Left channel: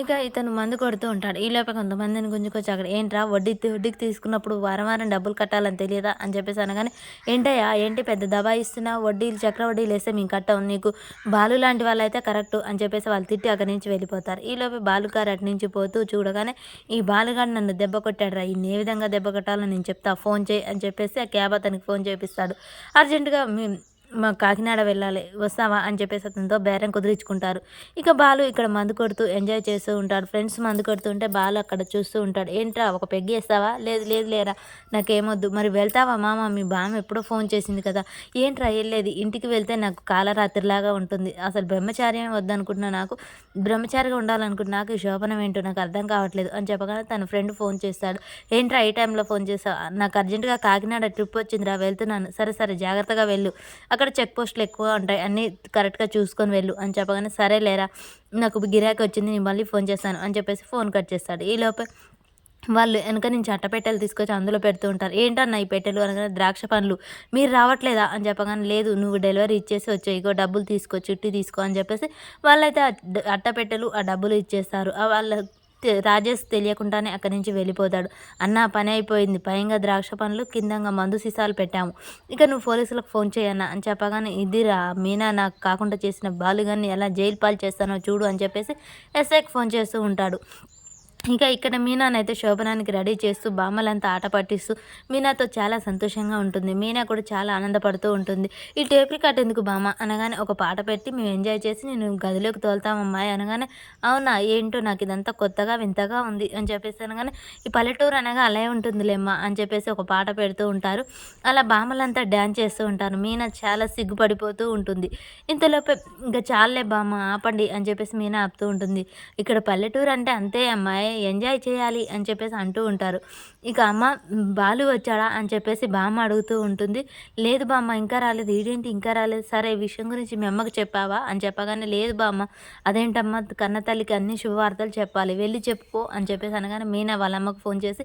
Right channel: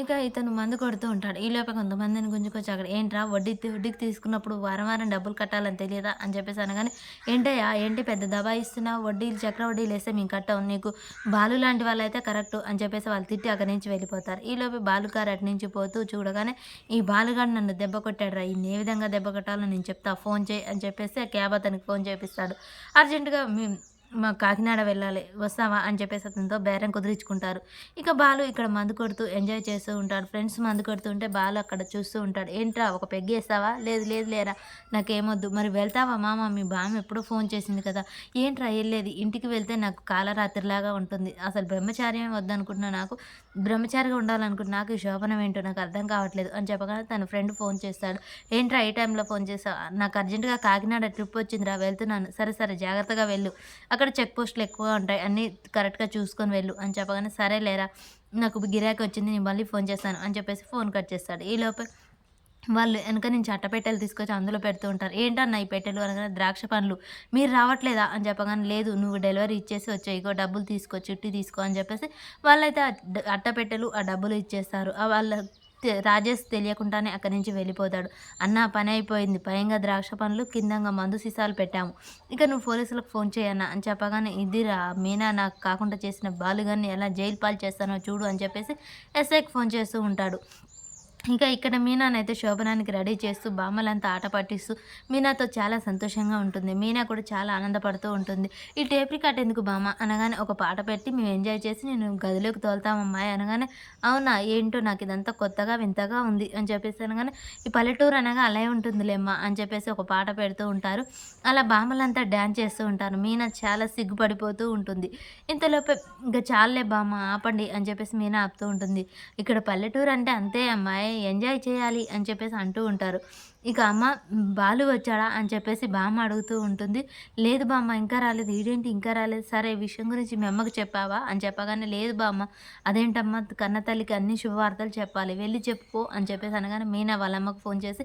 ఇక ఇతను మందు కొడుతూ ఉంటాడు. ఈలోపే కొంతమందిని గుంజుకొచ్చి అక్కడ "ఏంట్రా వడ్డీకి తీసుకున్నప్పుడు వారం వారం డబ్బులు కట్టాలని తెలియదా?" అని చెప్పేసి అనగానే, "ఏంటయ్యా ఏంటి పెద్ద దబాయిస్తున్నావు? వడ్డీలు చక్ర వడ్డీలేస్తే మేము కట్టం. నీకు బాలు లాంటి వాళ్ళైతే కరెక్టు" అని చెప్పేసి వాళ్ళు తిట్టి అక్కడి నుంచి వెళ్ళిపోతారు. ఈలోపే బాలుగారు అటు నుంచి పోతూ చూడగానే, "ఈ బాలుగాడు నన్ను దెబ్బ కొట్టాడురా! ఈడిని ఏ విధంగా దెబ్బ కొట్టాలో నేను చెప్తా ఫోన్ చేయి" అని చెప్పేసి ఆ క్యాబ్ అతనికి ఫోన్ చేపిస్తాడు. అర్జెంట్‌గా మా కాకినాడ వెళ్ళాలి వస్తావా అని చెప్పేసి అతనితో బేరం కుదిరించుకుంటారు. ఇక బాలు ఇక్కడ మందు కొడుతూ ఎంజాయ్ చేస్తూ ఉంటాడు. ఫ్రెండ్స్ మందు కొడుతుంటే బాలు అక్కడ చూస్తూ ఉంటాడు. "ఏంట్రా ఒక పెగ్ ఏస్తావా?" "లేదు లేదు లేరా నాకేమొద్దు." "మరి వెళ్తావా మామ మీ బామ్మ ఎప్పుడో ఫోన్ చేసింది కదా!" "ఏంట్రా ఎళ్ళేది? ఇంటికి వెళ్తే నాకు కాలరాత్రిలాగా ఉంటుంది. అసలు బ్రహ్మచార్యం వద్దనుకుంటున్నా నాకు. బ్రహ్మచారిగా ఉండాలనుకుంటున్నా నాకు ఈ శోభనం ఏంటో నాకు అర్థం కావట్లేదు" అని చెప్పగానే తన ఫ్రెండ్ ఫోన్ చేస్తాడు. "ఏంట్రా ఈ టైంలో ఫోన్ చేసావు? నాకు అర్జెంట్‌గా కాకినాడ ట్రిప్ వచ్చిందిరా వెళ్తున్నాను." "సరే సరే జాగ్రత్తగా వెళ్ళు. అక్కడ చెక్ పోస్టులు ఎక్కువ ఉంటాయి. అన్నీ కరెక్ట్‌గా చూసుకొని వెళ్ళు" అని చెప్పగానే, "సరేలేరా నాకు గిరాకీ వచ్చింది. నేను మళ్ళీ ఫోన్ చేస్తాను" అని చెప్పేసి ఫోన్ కట్ చేస్తాడు. ఈలోపే వాళ్ళు ఎనక నుంచి అట్టపెట్టెలు తీసుకొచ్చి అందులో పెడుతూ ఉంటారు. "ఏంటన్నా ఈ పెట్టెలు?" అనగానే, "ద్రాక్ష పండ్లు." "మీరు రావట్లేదా?" అని చెప్పగానే, "లేదు నువ్వు డెలివరీ ఇచ్చేసి వచ్చేయి. ఇగో డబ్బులు తీసుకో చిట్టి తీసుకో" అని చెప్పేసి వాళ్ళైతే అట్టపెట్టెలు, ఆ డబ్బులు ఇచ్చేస్తారు. వాళ్ళ రాజేష్ తెలియకుండానే అక్కడి నుంచి వెళ్ళిపోతాడు. "అన్నా పని అయిపోయింది. పైంగా ద్రాక్ష పండ్లు, కిందంగా మందు సీసాలు పెట్టాము. ఇక నువ్వు పోలీసులకు ఫోన్ చెయ్యన్నా" అని చెప్పగానే, "ఇదిరా మీనా నాకు కాకుండా చేసిన బాలుగాన్ని ఎలా జైలు పాలు చేస్తానో చూడు" అని చెప్పేసి ఎస్ఐకి ఫోన్ చేస్తూ ఉంటాడు. ఇక ఇక్కడ మీనానైతే శోభనానికి రెడీ చేస్తూ బామ్మలంతా ఆట పట్టిస్తూ మీనాతో చాలా సంతోషంగా ఉంటుంది. మీనా కూడా చాలా ఆనందపడుతూ ఉంటుంది. "ఈ టేప్ రికార్డ్ ఎందుకు బామ్మ" అనగానే, "ఒక పాట పెట్టి మేము ఎంజాయ్ చేసి నేను గదిలోకి తోలుతామమ్మాయి" అనగానే, "అవునా ఏంటో నాకు ఇదంతా కొత్తగా వింతగా ఉంది" అని చెప్పేసి అనగానే, "ఈ పల్లెటూరు అనగా అలే ఉంటుందిలేమ్మా" అని చెప్పేసి ఒక పాట పెడుతూ ఉంటారు. అలా బామ్మలంతా డాన్స్ చేస్తూ ఉంటారు. మీనా చాలా సిగ్గుపడిపోతూ ఉంటుంది. ఇంతలోపే "ఇంక చాలులే బామ్మ ఆపండి" అని చెప్పేసి మీనా ఆపుతూ ఉంటుంది. "ఇక్కడ పల్లెటూరు అంటే అంతే అమ్మాయి ఎంజాయ్ చేయాలి" అని చెప్పేసి అంటూ ఉంటారు. ఇక అమ్మ "బాలు వచ్చాడా?" అని చెప్పేసి బామ్మ అడుగుతూ ఉంటుంది. "లేదు బామ్మ ఇంకా రాలేదు. ఈడేంటి ఇంకా రాలేదు? సరే ఈ విషయం గురించి మీ అమ్మకి చెప్పావా?" అని చెప్పగానే, "లేదు బామ్మ." "అదేంటమ్మా కన్న తల్లికి అన్ని శుభవార్తలు చెప్పాలి. వెళ్లి చెప్పుకో" అని చెప్పేసి అనగానే మీనా వాళ్ళ అమ్మకు ఫోన్ చేసి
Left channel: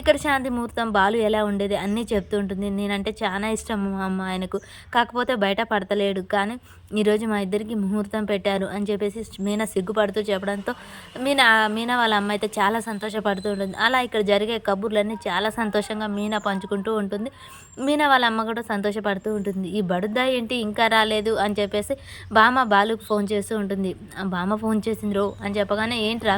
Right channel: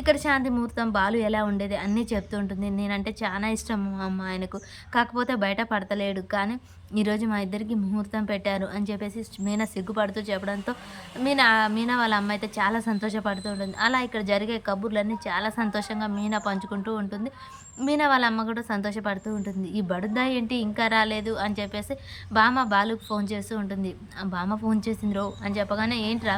ఇక్కడ శాంతి ముహూర్తం బాలు ఎలా ఉండేది అన్నీ చెప్తూ ఉంటుంది. "నేనంటే చానా ఇష్టం అమ్మ ఆయనకు. కాకపోతే బయట పడతలేడు. కానీ ఈరోజు మా ఇద్దరికి ముహూర్తం పెట్టారు" అని చెప్పేసి మీనా సిగ్గుపడుతూ చెప్పడంతో మీనా మీనా వాళ్ళ అమ్మ అయితే చాలా సంతోషపడుతూ ఉంటుంది. అలా ఇక్కడ జరిగే కబుర్లన్నీ చాలా సంతోషంగా మీనా పంచుకుంటూ ఉంటుంది. మీనా వాళ్ళ అమ్మ కూడా సంతోషపడుతూ ఉంటుంది. "ఈ బడుద్దాయి ఏంటి ఇంకా రాలేదు" అని చెప్పేసి బామ్మ బాలుకి ఫోన్ చేస్తూ ఉంటుంది. బామ్మ ఫోన్ చేసిందిరో అని చెప్పగానే, "ఏంట్రా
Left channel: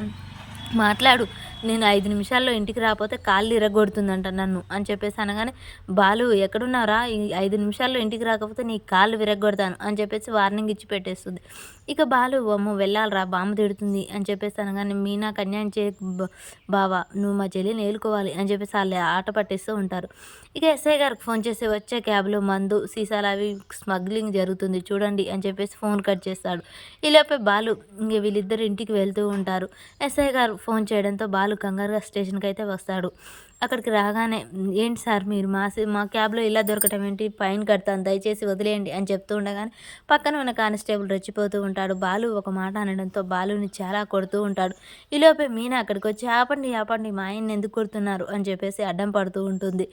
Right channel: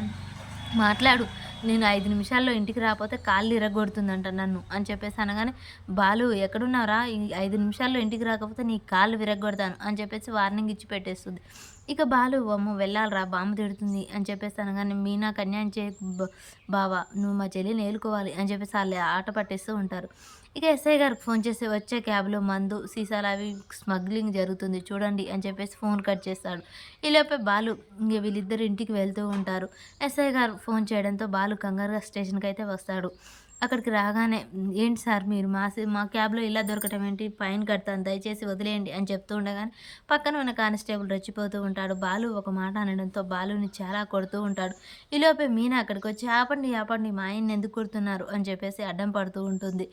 మాట్లాడు. నేను 5 నిమిషాల్లో ఇంటికి రాపోతే కాళ్ళు ఇరగ్గొడుతుందంట నన్ను" అని చెప్పేసి అనగానే, "బాలు ఎక్కడున్నావురా? ఈ 5 నిమిషాల్లో ఇంటికి రాకపోతే నీ కాళ్ళు విరగ్గొడతాను" అని చెప్పేసి వార్నింగ్ ఇచ్చి పెట్టేస్తుంది. ఇక బాలు "అమ్మో! వెళ్ళాలిరా బామ్మ తిడుతుంది" అని చెప్పేసి అనగానే, "మీనాకు అన్యాయం చేయకు బావ. నువ్వు మా చెల్లిని ఏలుకోవాలి" అని చెప్పేసి ఆళ్ళు ఆట పట్టిస్తూ ఉంటారు. ఇక ఎస్ఐ గారికి ఫోన్ చేసి, "వచ్చే క్యాబ్‌లో మందు సీసాలు అవి స్మగ్లింగ్ జరుగుతుంది చూడండి" అని చెప్పేసి ఫోన్ కట్ చేస్తాడు. ఈలోపే బాలు ఇంగ వీళ్ళిద్దరూ ఇంటికి వెళ్తూ ఉంటారు. ఎస్ఐ గారు ఫోన్ చేయడంతో బాలు కంగారుగా స్టేషన్‌కైతే వస్తాడు. అక్కడికి రాగానే, "ఏంటి సార్ మీరు మా క్యాబ్‌లో ఇలా దొరకటం ఏంటి? ఫైన్ కడతాను దయచేసి వదిలేయండి" అని చెప్తూ ఉండగానే పక్కన ఉన్న కానిస్టేబుల్ రెచ్చిపోతూ ఉంటాడు. బాలు ఒక మాట అనడంతో బాలుని చాలా కొడుతూ ఉంటాడు. ఈలోపే మీనా అక్కడికొచ్చి, "ఆపండి, ఆపండి మా ఆయన్ని ఎందుకు కొడుతున్నారు" అని చెప్పేసి అడ్డం పడుతూ ఉంటుంది.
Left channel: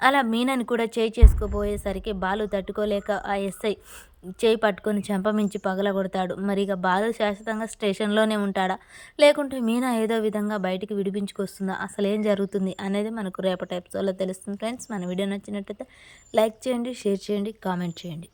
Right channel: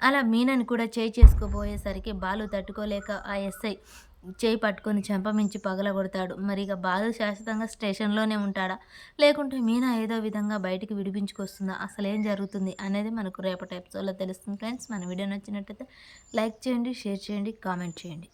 అలా మీనాని కూడా చేయి చేసుకోబోయేసరికి బాలు తట్టుకోలేక ఆ ఎస్ఐ చేయి పట్టుకొని చెంపమించి పగలగొడతాడు. మరిక బాలు శాశ్వతంగా స్టేషన్‌లోనే ఉంటాడా? లేకుంటే మీనా ఏదో విధంగా బయటికి విడిపించుకొస్తుందా? అసలేం జరుగుతుంది అనేది మనకు రేపటి ఎపిసోడ్‌లో తెలుస్తుంది ఫ్రెండ్స్. మన వీడియో నచ్చినట్టయితే లైక్ చేయండి, షేర్ చేయండి, కామెంట్ చేయండి.